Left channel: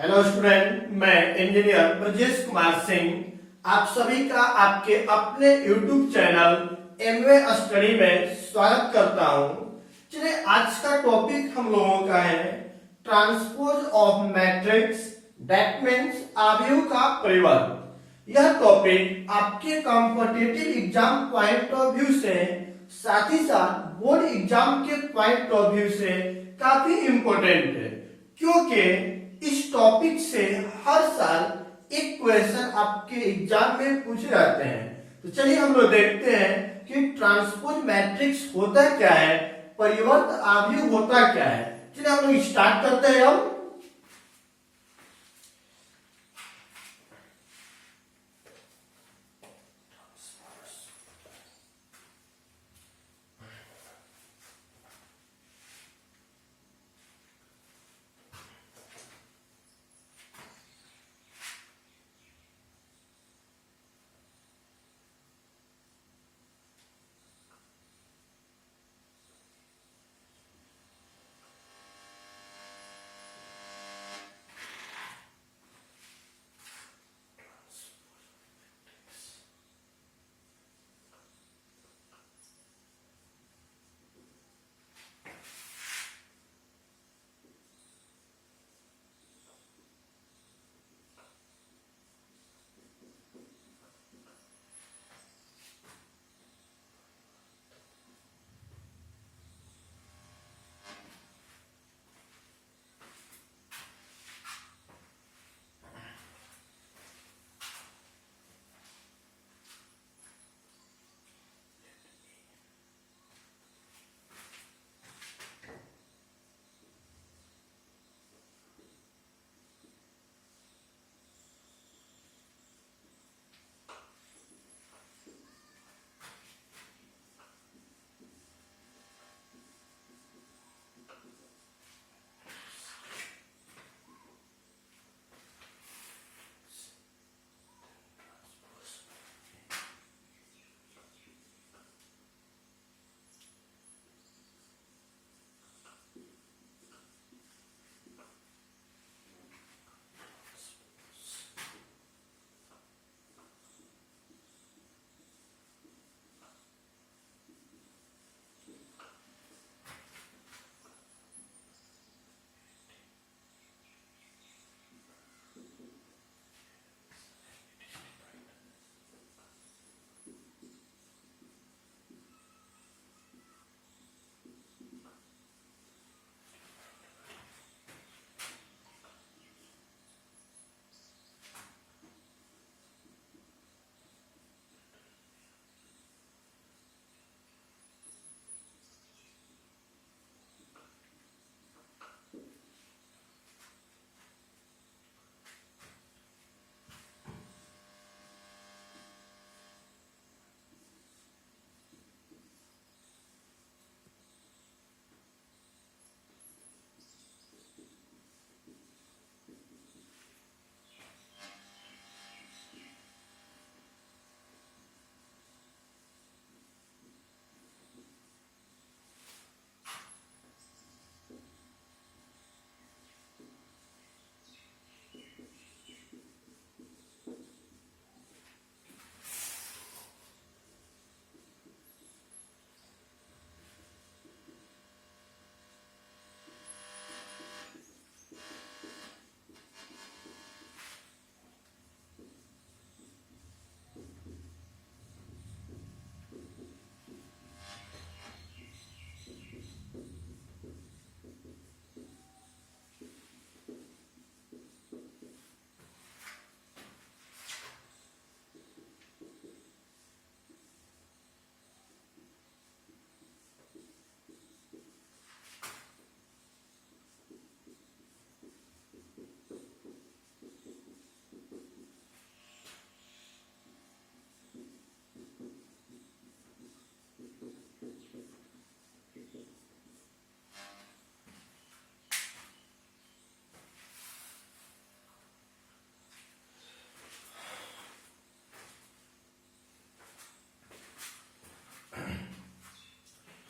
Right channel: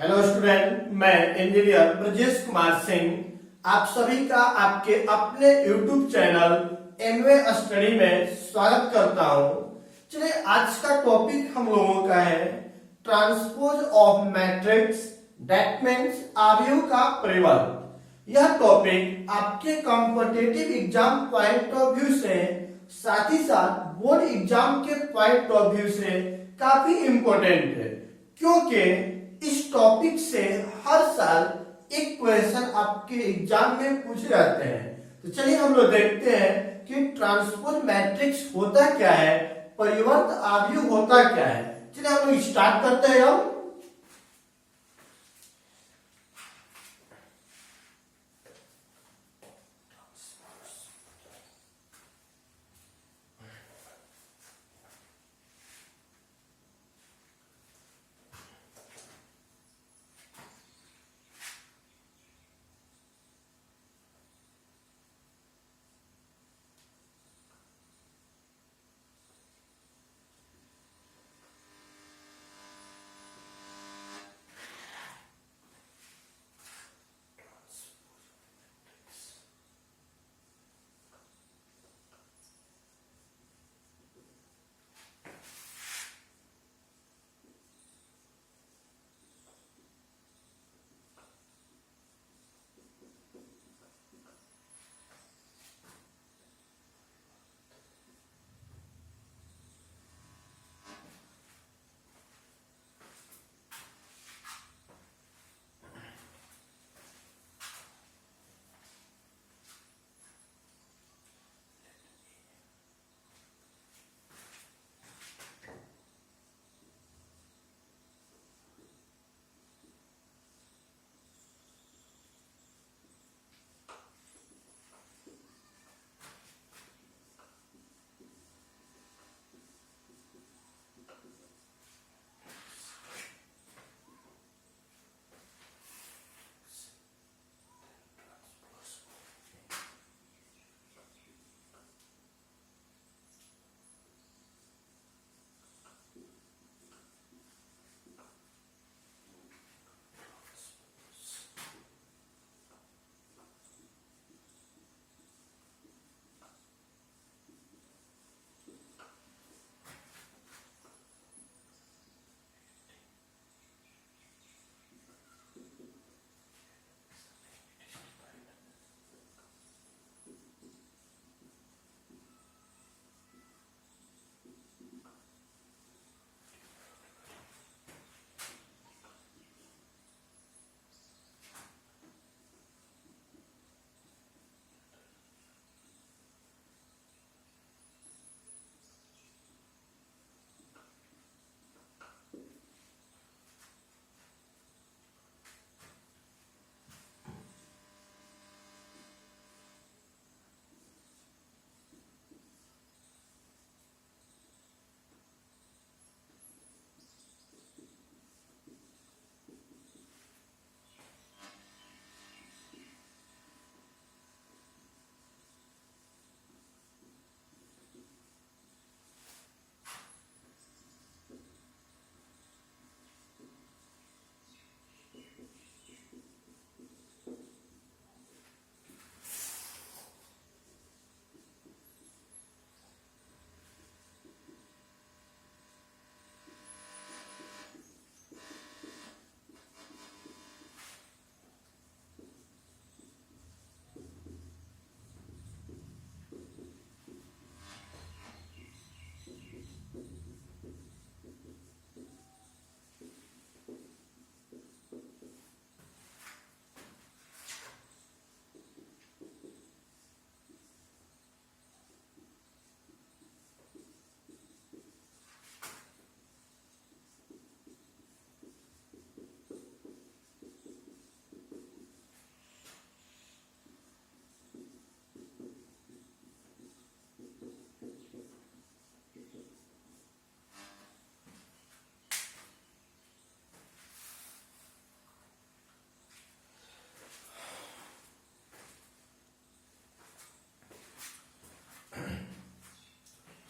Hello student, मैं engineer Brajesh Kumar Singh आप सभी का आपके अपने यूट्यूब चैनल एमवे स्टडी में स्वागत करता हूं। चलिए, आज का टॉपिक हम लोगों का है transpose of matrix, that means अवयव का परिवर्त। यह टॉपिक आपके competitive exam point of view से साथ ही साथ बोर्ड एग्जाम के पॉइंट ऑफ व्यू से काफी इंपॉर्टेंट है, क्योंकि इस टॉपिक से हर साल एक क्वेश्चन आपके एग्जाम में पूछे जाते हैं। तो चलिए हम लोग देखते हैं कि ट्रांसपोज मैट्रिक्स होता क्या है, परिवर्त अवयव होता क्या है। चलिए हम लोग स्टार्ट करते हैं। हम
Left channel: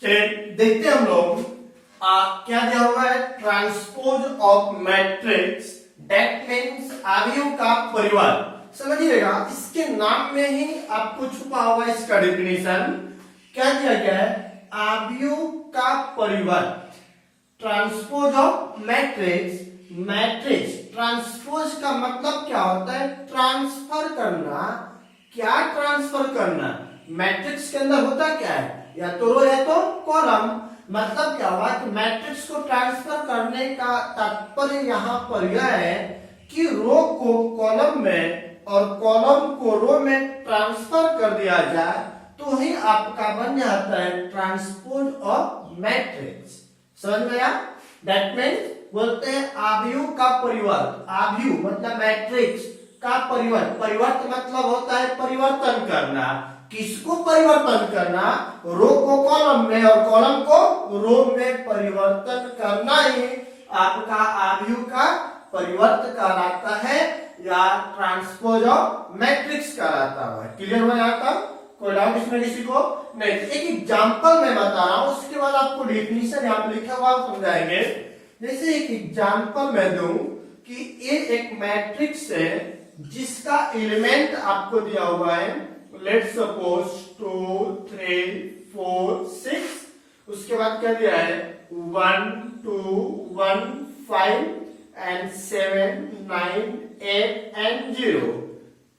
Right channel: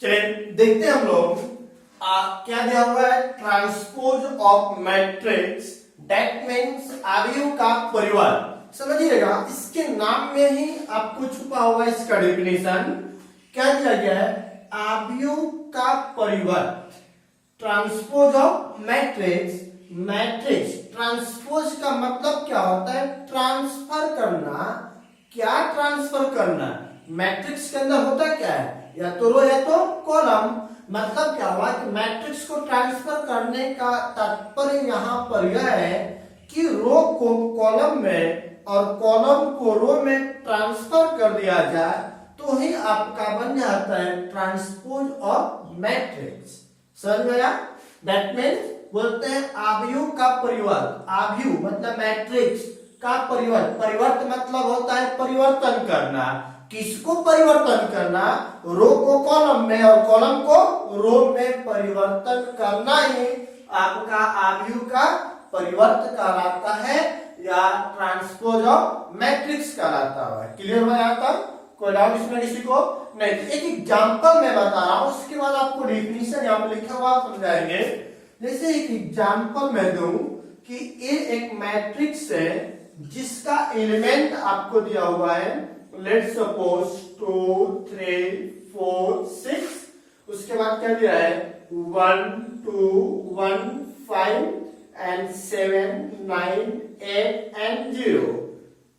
चलिए देखते हैं हम लोग क्या दिया हुआ है। Transpose of matrix, that means अवयव का परिवार। समझिएगा, इसके नाम में ही आपको छुपा होगा इसका डेफिनेशन। क्या दिया गया है? अवयव का परिवार, transpose of matrix. Matrix transpose का मतलब क्या होता है? ट्रांसफर करना। क्या ट्रांसफर करना? मैट्रिक्स के अंदर होता क्या है? या तो रो या तो कॉलम। मतलब क्या हुआ कि मैट्रिक्स को ट्रांसफर करने का तात्पर्य यहाँ पर यह है कि रो को कॉलम में और कॉलम को रो में ट्रांसफर कर दिया जाए तो ही आपका बन जाता है ट्रांसपोज ऑफ मैट्रिक्स। समझ में आया? दैट मीन्स बोलते हैं अवयव का परिवार। अवयव मतलब मैट्रिक्स का परिवार। परिवर्तन मतलब होता है परिवर्तन करना। किसको परिवर्तन करना? रो को कॉलम में और कॉलम को रो में परिवर्तन करना ही आपका अवयव का परिवर्तन कहलाता है या ट्रांसपोज ऑफ मैट्रिक्स कहलाता है। क्लियर हो जाता? कोई डाउट इसमें किसी को? नहीं। एक एग्जांपल मैं बता रहा हूं, उसके बाद आपको डेफिनेशन यहाँ पे लिखा हुआ समझाएंगे। जैसे एक एग्जांपल मैं दूं कि ये एक मैट्रिक्स है जिसका एलिमेंट आपको दिया हुआ है, लेट्स सपोज 2 3 4 6। उसके बाद क्या दिया है? 1 2 1 5 एंड 7 9 8 एंड 0।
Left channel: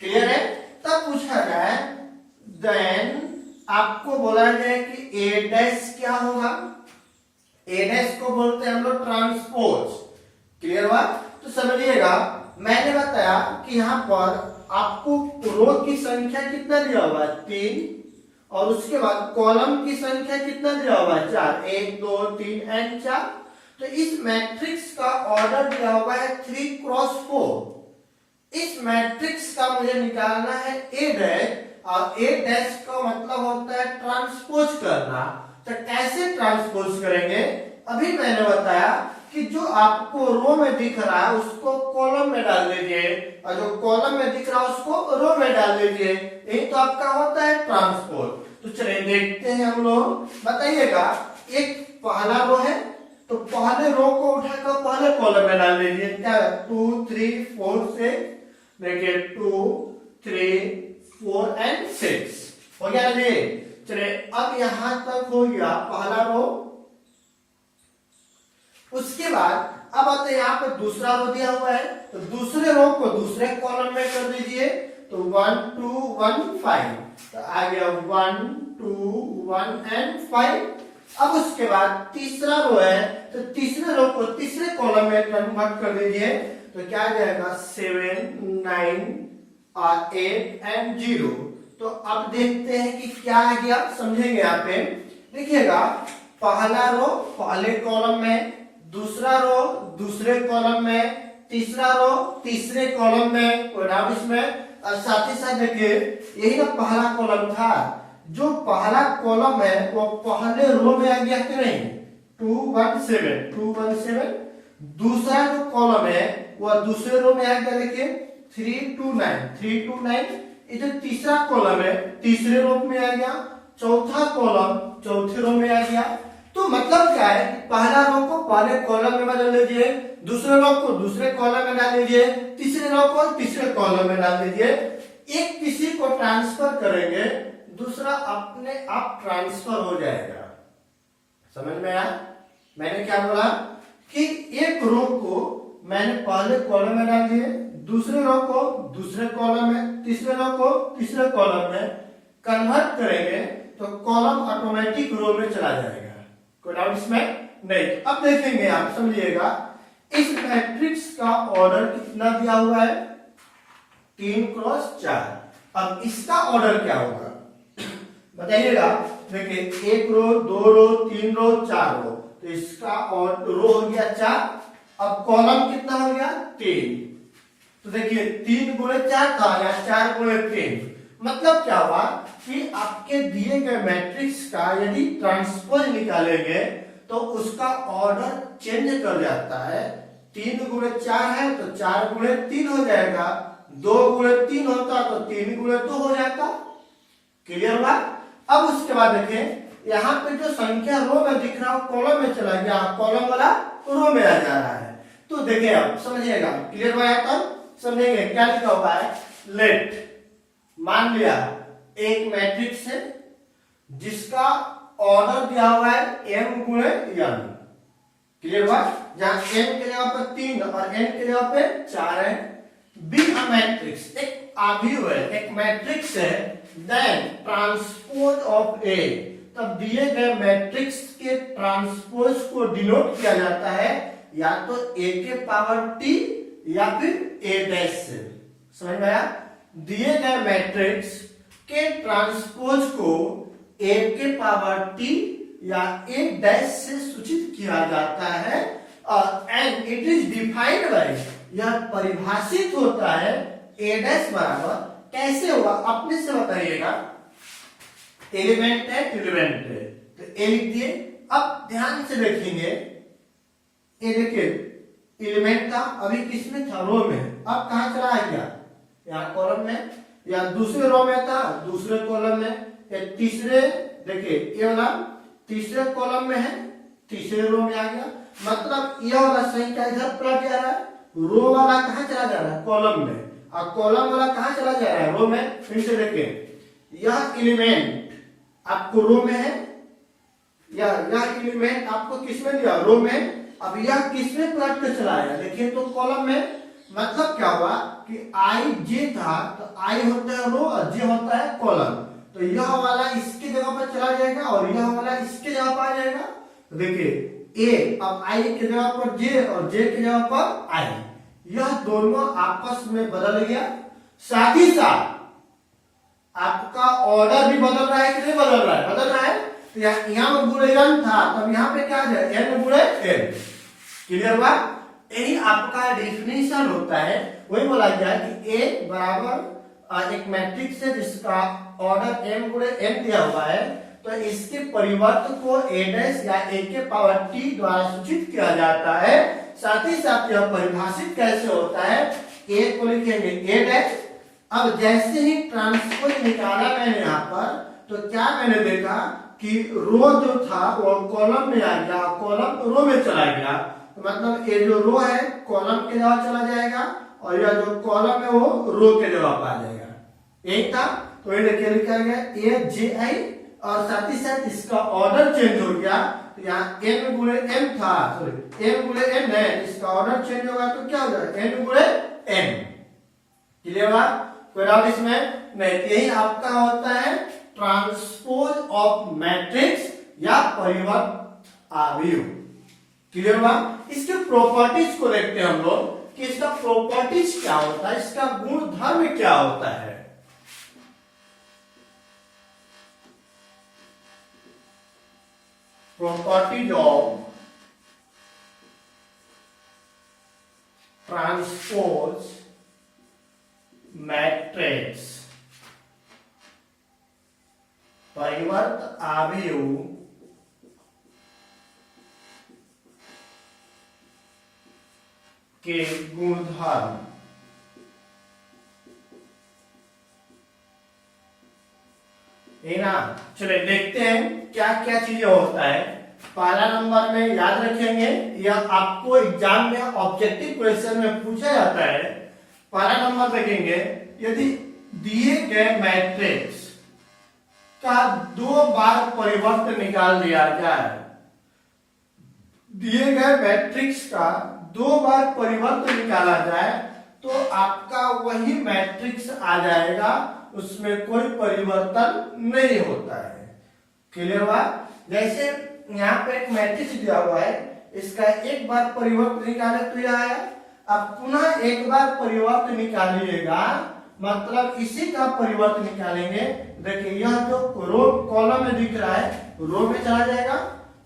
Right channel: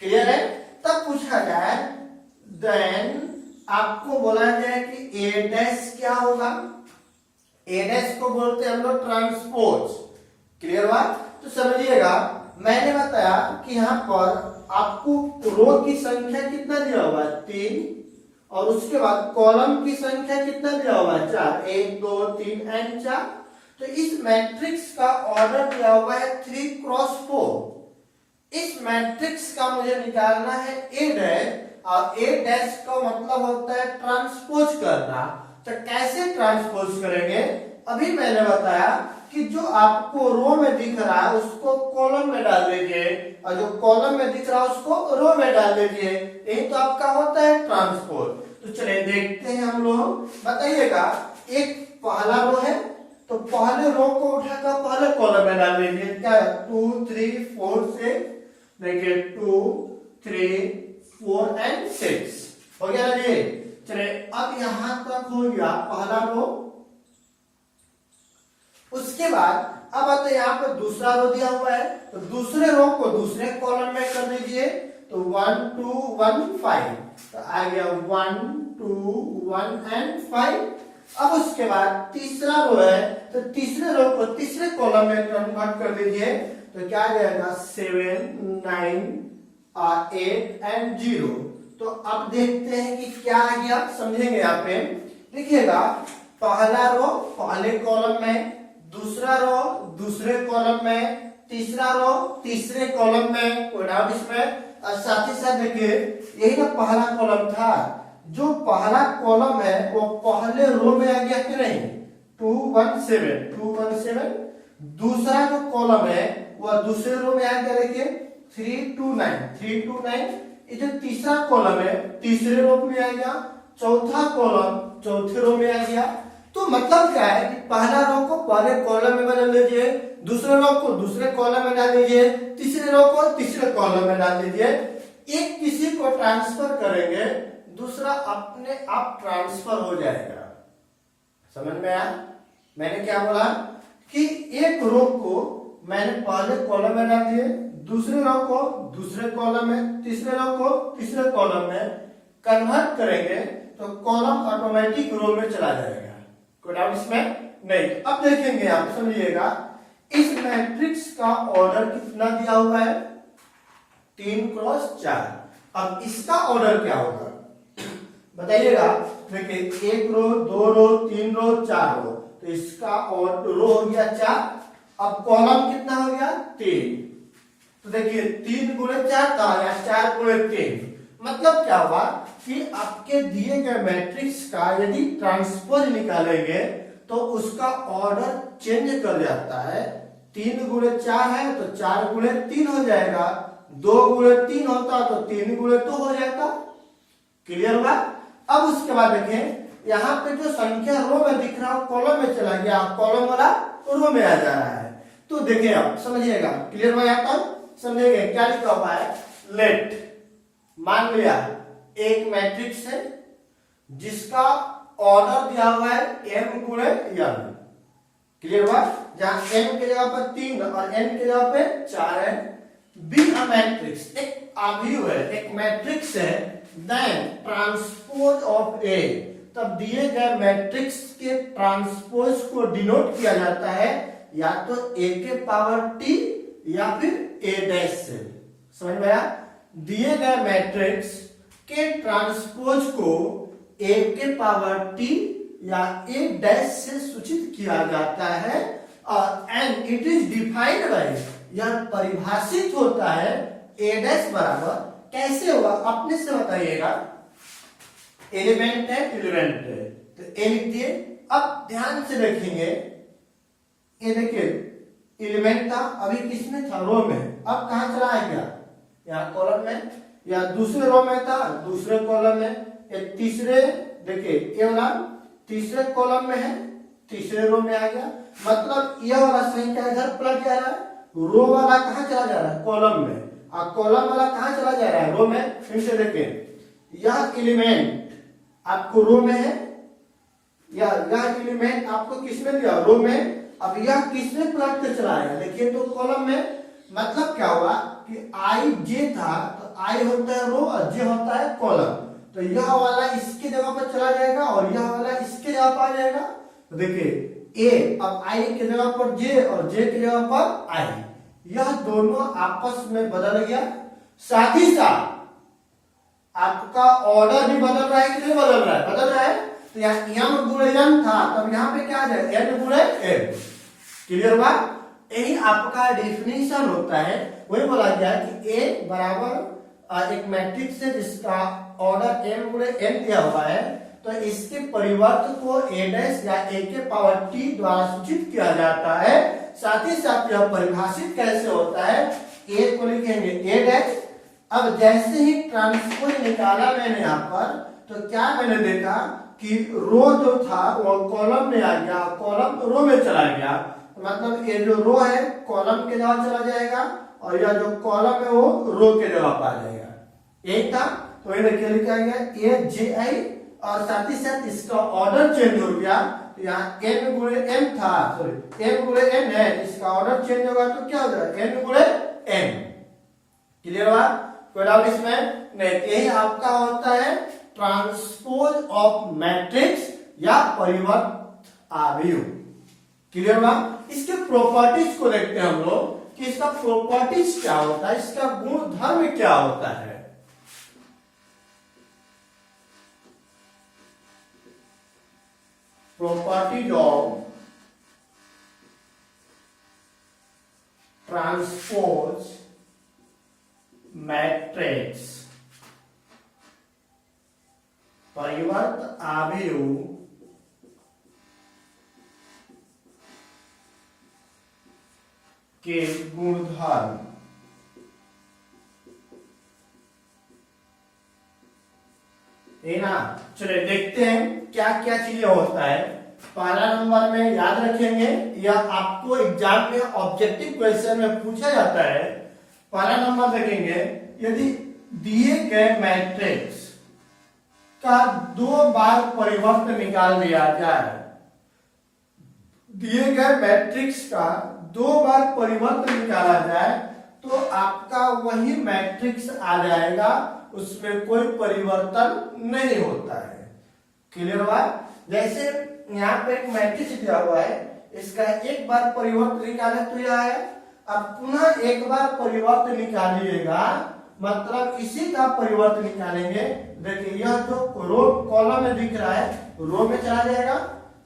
क्लियर है? तब पूछा जाए, देन आपको बोला जाए कि ए डैश क्या होगा? ए डैश को बोलते हैं हम लोग ट्रांसपोज। क्लियर हुआ? तो समझिएगा, मैंने बताया कि यहाँ पर आपको रो की संख्या कितना दिया हुआ है? 3। और उसके बाद कॉलम की संख्या कितना दिया हुआ है? 4। 1 2 3 एंड 4। तो इस मैट्रिक्स का ऑर्डर दिया हुआ है 3 क्रॉस 4। इस मैट्रिक्स का मुझे निकालना है ए डैश, और ए डैश का मतलब होता है ट्रांसपोज करना। तो कैसे ट्रांसपोज करेंगे? अभी मैंने बताया कि जो आपको रो में दिख रहा है उसको कॉलम में डाल दीजिए, और जो कॉलम में दिख रहा है उसको रो में डाल दीजिए। यही तो आपका होता है ट्रांसपोज। तो चलिए देखते हैं हम लोग। बताइएगा, एक पहला रो है तो पहले रो को उठाकर पहले कॉलम में डाल दीजिए। क्या? 2 3 4 से देखिए 2 3 4 एंड 6 हो गया ना जी? चलिए अब यहां तक हो गया पहला रो। उसके बाद अब आते यहाँ पर दूसरा रो दिया हुआ है, तो दूसरे रो को दूसरे कॉलम में कर दीजिए। तो 1 2 1 5, तो आ गया 1 2 1 एंड 5। अब उसके बाद तीसरा रो है, तो तीसरे रो को तीसरे कॉलम में कन्वर्ट कर दीजिए। तो क्या आ जाएगा? 7 9 8 एंड 0। तो अब देखते हैं कि क्या आ गया, समझेंगे यहाँ पे। देखिएगा, पहला रो पहले कॉलम में, दूसरा रो दूसरे कॉलम में, तीसरा रो तीसरे कॉलम में। कोई डाउट इसमें? और साथ ही साथ देखिए, यही ना पहला कॉलम था। जो पहला कॉलम है वो पहले रो में आ गया कि नहीं? 2 1 7। दूसरा जो कॉलम है वह दूसरे रो में आ गया। देखिए 3 2 9। ये जो तीसरा कॉलम है तीसरे रो में आ गया, चौथा कॉलम चौथे रो में आ गया। तो मतलब क्या है कि पहला रो को पहले कॉलम में बदल दीजिए, दूसरे रो को दूसरे कॉलम में डाल दीजिए, तीसरे रो को तीसरे कॉलम में डाल दीजिए। एक किसी को ट्रांसफर करेंगे, दूसरा अपने आप ट्रांसफर हो जाएगा। समझ में आया? मैंने क्या बोला कि एक रो को मैंने पहले कॉलम में डाल दिए, दूसरे रो को दूसरे कॉलम में, तीसरे रो को तीसरे कॉलम में कन्वर्ट करेंगे तो कॉलम ऑटोमेटिक रो में चला जाएगा। कोई डाउट इसमें? नहीं। अब देखेंगे, आप समझिएगा, इस मैट्रिक्स का ऑर्डर कितना दिया हुआ है? 3 क्रॉस 4। अब इसका ऑर्डर क्या होगा बताइएगा। देखिए 1 रो 2 रो 3 रो 4 रो, तो इसका रो हो गया 4। अब कॉलम कितना हो गया? 3। तो देखिए 3 गुणे 4 का आ गया 4 गुणे 3। मतलब क्या हुआ कि आपके दिए गए मैट्रिक्स का यदि ट्रांसपोज निकालेंगे तो उसका ऑर्डर चेंज कर जाता है। 3 गुणे 4 है तो 4 गुणे 3 हो जाएगा, 2 गुणे 3 होता तो 3 गुणे 2 हो जाता। क्लियर हुआ? अब उसके बाद देखें, यहाँ पे जो संख्या रो में दिख रहा है कॉलम में चला गया, कॉलम वाला रो में आ जा रहा है। तो देखिए आप समझिएगा, क्लियर हो यहाँ तक समझेंगे क्या लिखा हुआ है। लेट, मान लिया एक मैट्रिक्स है जिसका ऑर्डर दिया हुआ है m गुणे n, क्लियर हुआ, जहां m के जगह पर 3 और n के जगह पे 4 है। बी अ मैट्रिक्स, एक आव्यूह है, एक मैट्रिक्स है, देन ट्रांसपोज ऑफ ए, तब दिए गए मैट्रिक्स के ट्रांसपोज को डिनोट किया जाता है या तो a के पावर t या फिर a डैश से। समझ में आया? दिए गए मैट्रिक्स के ट्रांसपोज को a के पावर t या a डैश से सूचित किया जाता है and it is defined by, यह परिभाषित होता है a डैश बराबर, कैसे हुआ अपने से बताइएगा। एलिमेंट है, एलिमेंट है तो ए लिख दिए। अब ध्यान से देखेंगे, ये देखिए एलिमेंट था, अभी किसमें था, रो में, अब कहां चला गया, यहाँ कॉलम में, या दूसरे रो में था दूसरे कॉलम में, या तीसरे, देखिए ये वाला तीसरे कॉलम में है तीसरे रो में आ गया, मतलब यह वाला संख्या इधर पलट जा रहा है, रो वाला कहां चला जा रहा है, कॉलम में, और कॉलम वाला कहां चला जा रहा है, रो में। फिर से देखिए यह एलिमेंट आपको रो में है, या यह एलिमेंट आपको किसमें दिया, रो में, अब यह किसमें पलट कर चला आया, देखिए तो कॉलम में, मतलब क्या हुआ कि आई जे था तो आई होता है रो और जे होता है कॉलम, तो यह वाला इसकी जगह पर चला जाएगा और यह वाला इसके जगह पर आ जाएगा। तो देखिए ए, अब आई की जगह पर जे और जे की जगह पर आई, यह दोनों आपस में बदल गया, साथ ही साथ आपका ऑर्डर भी बदल रहा है कि नहीं बदल रहा है, बदल रहा है। तो यहाँ गुणे n था, तब यहाँ पे क्या है, n गुणे n, क्लियर हुआ। यही आपका डेफिनेशन होता है, वही बोला गया कि a बराबर एक मैट्रिक्स है जिसका ऑर्डर m गुणे n दिया हुआ है, तो इसके परिवर्त को a डैश या a के पावर t द्वारा सूचित किया जाता है। साथ ही साथ यह परिभाषित कैसे होता है, a को लिखेंगे a डैश। अब जैसे ही ट्रांसपोज निकाला मैंने यहाँ पर, तो क्या मैंने देखा कि रो जो था वो कॉलम में आ गया, कॉलम रो में चला गया, तो मतलब ये जो रो है कॉलम के जगह चला जाएगा और यह जो कॉलम है वो रो के जगह पर आ जाएगा, एक था। तो ये देखिए लिखा गया ए जे आई, और साथ ही साथ इसका ऑर्डर चेंज हो गया, तो यहाँ n गुणे m था, सॉरी m गुणे n है, इसका ऑर्डर चेंज होगा तो क्या हो जाएगा n गुणे n, क्लियर हुआ, कोई डाउट इसमें नहीं। यही आपका होता है ट्रांसपोज ऑफ मैट्रिक्स या परिवर्त आव्यूह, क्लियर हुआ। इसके प्रॉपर्टीज को देखते हैं हम लोग कि इसका प्रॉपर्टीज क्या होता है, इसका गुण धर्म क्या होता है। प्रॉपर्टीज ऑफ ट्रांसपोज मैट्रिक्स, परिवर्त आव्यूह के गुणधर्म। ये ना, चलिए देखते हैं क्या क्या चीजें होता है। पहला नंबर में याद रखेंगे, यह आपको एग्जाम में ऑब्जेक्टिव क्वेश्चन में पूछा जाता है। पहला नंबर देखेंगे, यदि दिए गए मैट्रिक्स का 2 बार परिवर्त निकाल दिया जाए, दिए गए मैट्रिक्स का 2 बार परिवर्त निकाला जाए तो आपका वही मैट्रिक्स आ जाएगा, उसमें कोई परिवर्तन नहीं होता है, क्लियर हुआ। जैसे यहाँ पे एक मैट्रिक्स दिया हुआ है, इसका एक बार परिवर्तन निकाले तो यह आया, अब पुनः एक बार परिवर्तन निकालिएगा, मतलब इसी का परिवर्तन निकालेंगे। देखिए यह जो रो कॉलम में दिख रहा है रो में चला जाएगा,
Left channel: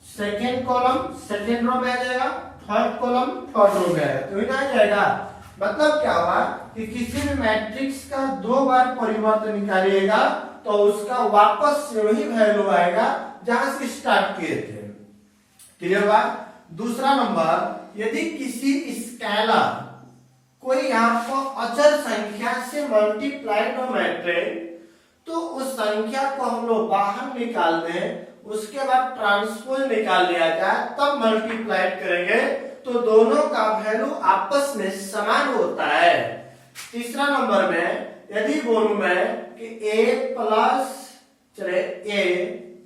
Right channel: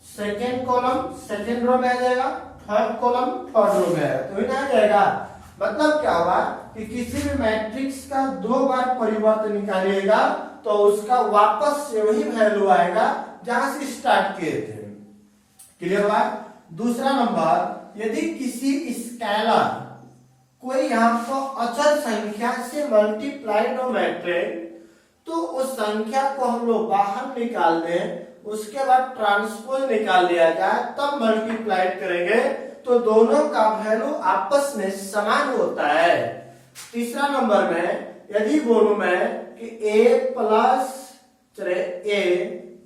सेकेंड कॉलम सेकेंड रो में आ जाएगा, थर्ड कॉलम थर्ड रो में आएगा, तो इधर आ जाएगा। मतलब क्या हुआ कि किसी भी मैट्रिक्स का 2 बार परिवर्तन निकालिएगा तो उसका वापस से वही वैल्यू आएगा जहां से स्टार्ट किए थे, क्लियर हुआ। दूसरा नंबर, यदि किसी स्केलर कोई यहाँ पर अचर संख्या से मल्टीप्लाइड हो मैट्रिक्स, तो उस संख्या को हम लोग बाहर निकाल दें, उसके बाद ट्रांसपोज निकाल लिया जाए, तब मल्टीप्लाइड करेंगे तो दोनों का वैल्यू आपस में समान होता है। तीसरा नंबर में यदि बोलूं मैं कि a प्लस चले a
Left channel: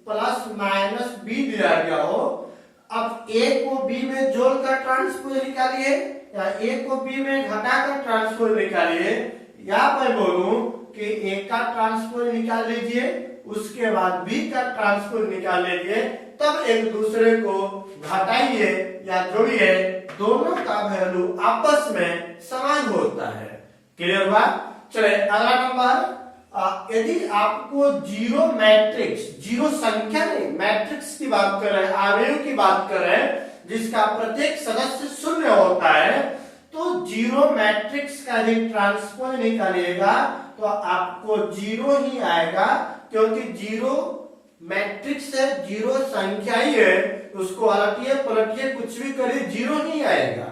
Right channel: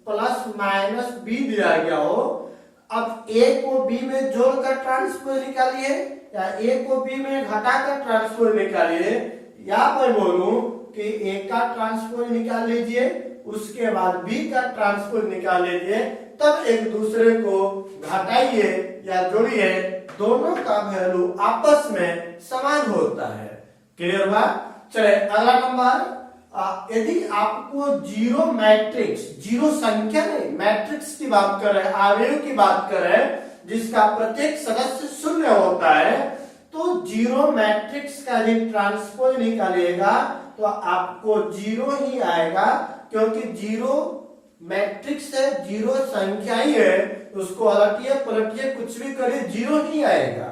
प्लस माइनस b दिया गया हो, अब a को b में जोड़कर ट्रांसपोज निकालिए या a को b में घटाकर ट्रांसपोज निकालिए, या मैं बोलूं कि a का ट्रांसपोज निकाल लीजिए उसके बाद b का ट्रांसपोज निकाल लीजिए, तब एक दूसरे को घटाइए या जोड़िए, दोनों का वैल्यू आपस में समान होता है। क्लियर बात? चले अगला नंबर, यदि आपको जीरो मैट्रिक्स, जीरो संख्या नहीं मैट्रिक्स की बात कर रहे हैं, आव्यूह की बात कर रहे हैं जिसका प्रत्येक सदस्य शून्य होता है, तो जीरो मैट्रिक्स का यदि ट्रांसपोज निकालिएगा तो आपको जीरो ही आएगा, क्योंकि जीरो मैट्रिक्स है, जीरो संख्या ही है, उसको अलटिए पलटिए कुछ भी करिए जीरो ही आएगा।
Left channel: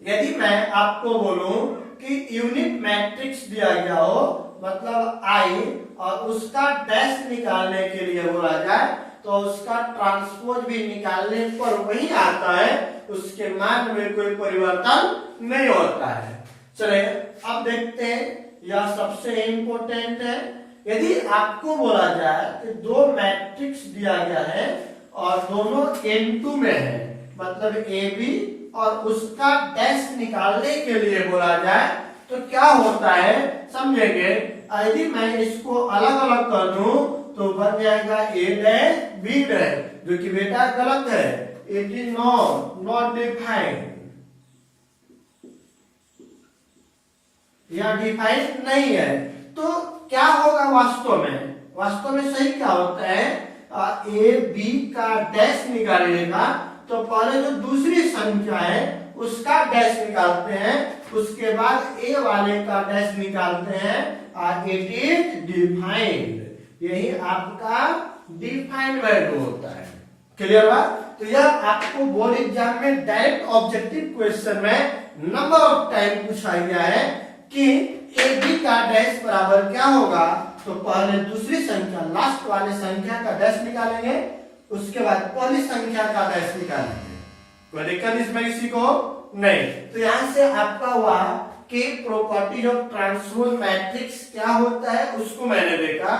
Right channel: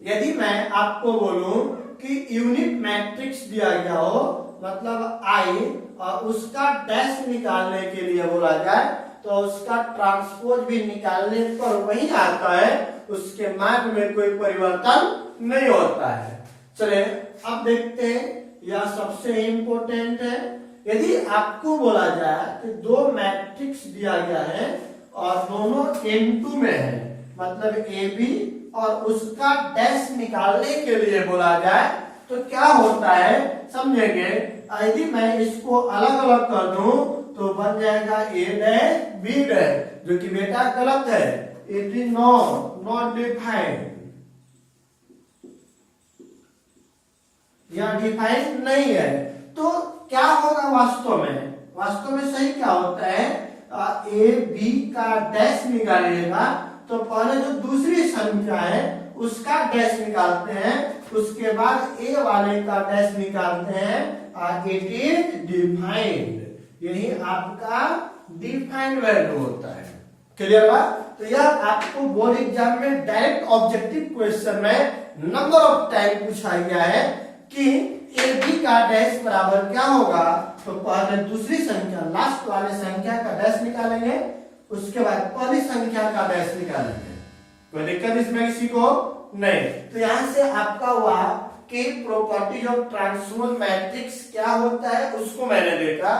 यदि मैं आपको बोलूं कि यूनिट मैट्रिक्स दिया गया हो, मतलब आई, और उसका डैश निकालने के लिए बोला जाए तो उसका ट्रांसपोज भी निकालने पर वही आता है, उसके मान में कोई परिवर्तन नहीं होता है। चले अब देखते हैं, यह सबसे इंपॉर्टेंट है। यदि आपको बोला जाए कि दो मैट्रिक्स दिया गया है और दोनों n2 में है, मतलब ए बी, और उसका डैश निकालने के लिए बोला जाए तो क्या होता है समझेंगे। यदि मैं इसको अलग अलग कर दूं तो बन जाएगा ए डैश बी डैश, जो कि बेटा गलत है, इट इज नॉट डिफाइंड, यह डिफाइंड नहीं है। तो क्या होगा वास्तव में, वास्तव में सही क्या होता है, ए बी का डैश निकालिएगा तो पहले जो दूसरी संख्या है उसका डैश निकालते हैं, उसके बाद ए वाले का डैश निकालते हैं, इट इज डिफाइंड, यही आपका डिफाइंड वैल्यू होता है। क्लियर बात? तो यह आपको बोर्ड एग्जाम में डायरेक्ट ऑब्जेक्टिव क्वेश्चन में नंबर ऑफ टाइम पूछा गया है कि ए बी का डैश बराबर क्या होगा, तो पहले दूसरी संख्या लास्ट वाले संख्या का डैश निकालेंगे, उसके बाद पहली संख्या का डैश निकालेंगे। कोई दिक्कत इसमें किसी को नहीं। तो यहां से आपका हुआ कि प्रॉपर्टी ऑफ ट्रांसपोज मैट्रिक्स क्या होता है उसको मैंने देखा।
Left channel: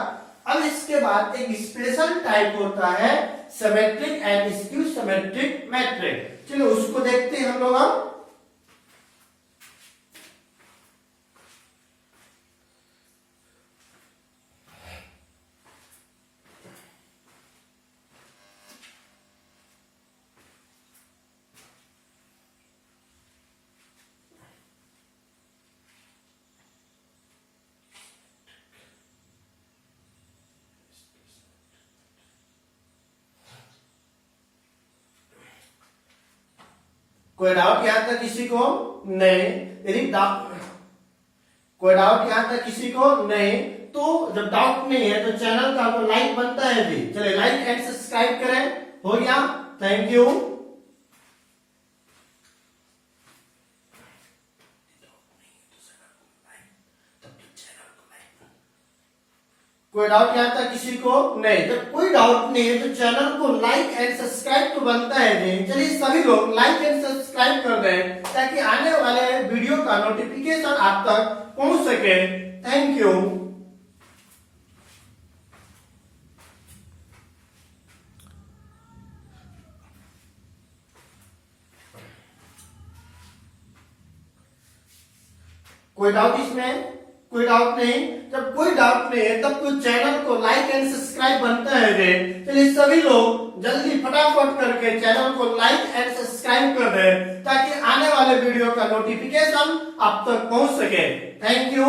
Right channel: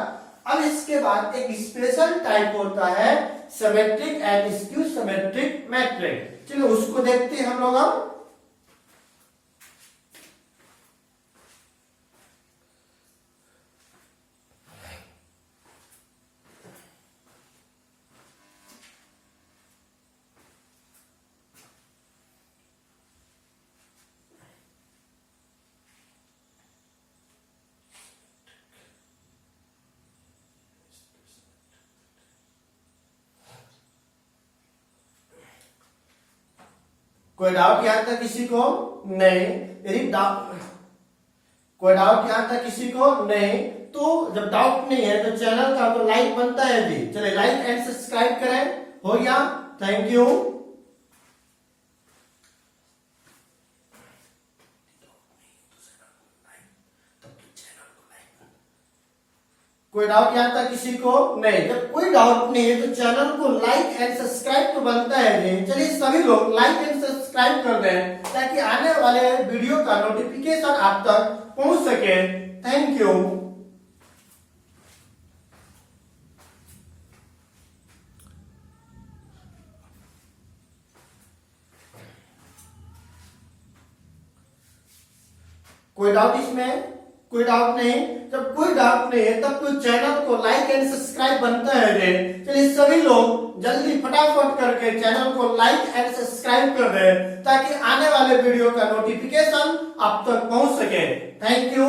अब इसके बाद एक स्पेशल टाइप होता है symmetric and skew symmetric matrix, चलो उसको देखते हैं हम लोग। कोई डाउट यहां तक किसी को नहीं? यदि कोई डाउट यहां तक किसी को नहीं, तो जब डाउट नहीं है तो चैनल का तो लाइक बनता है भी, चले लाइक एंड सब्सक्राइब करें। हो गया, थैंक यू। कोई डाउट यहां तक किसी को नहीं? जब कोई डाउट नहीं है तो चैनल को लाइक एंड सब्सक्राइब तो बनता है नहीं। चलिए सभी लोग लाइक एंड सब्सक्राइब कर दें ताकि आने वाले वीडियो का नोटिफिकेशन आप तक पहुंच सके। Thank you. कोई डाउट इसमें? कोई डाउट नहीं? जब कोई डाउट नहीं है तब तो चैनल को लाइक एंड सब्सक्राइब बनता है। चलिए सभी लोग जल्दी फटाफट करके चैनल को लाइक एंड सब्सक्राइब कर दें ताकि आने वाले वीडियो का नोटिफिकेशन आप तक पहुंच सके। Thank you.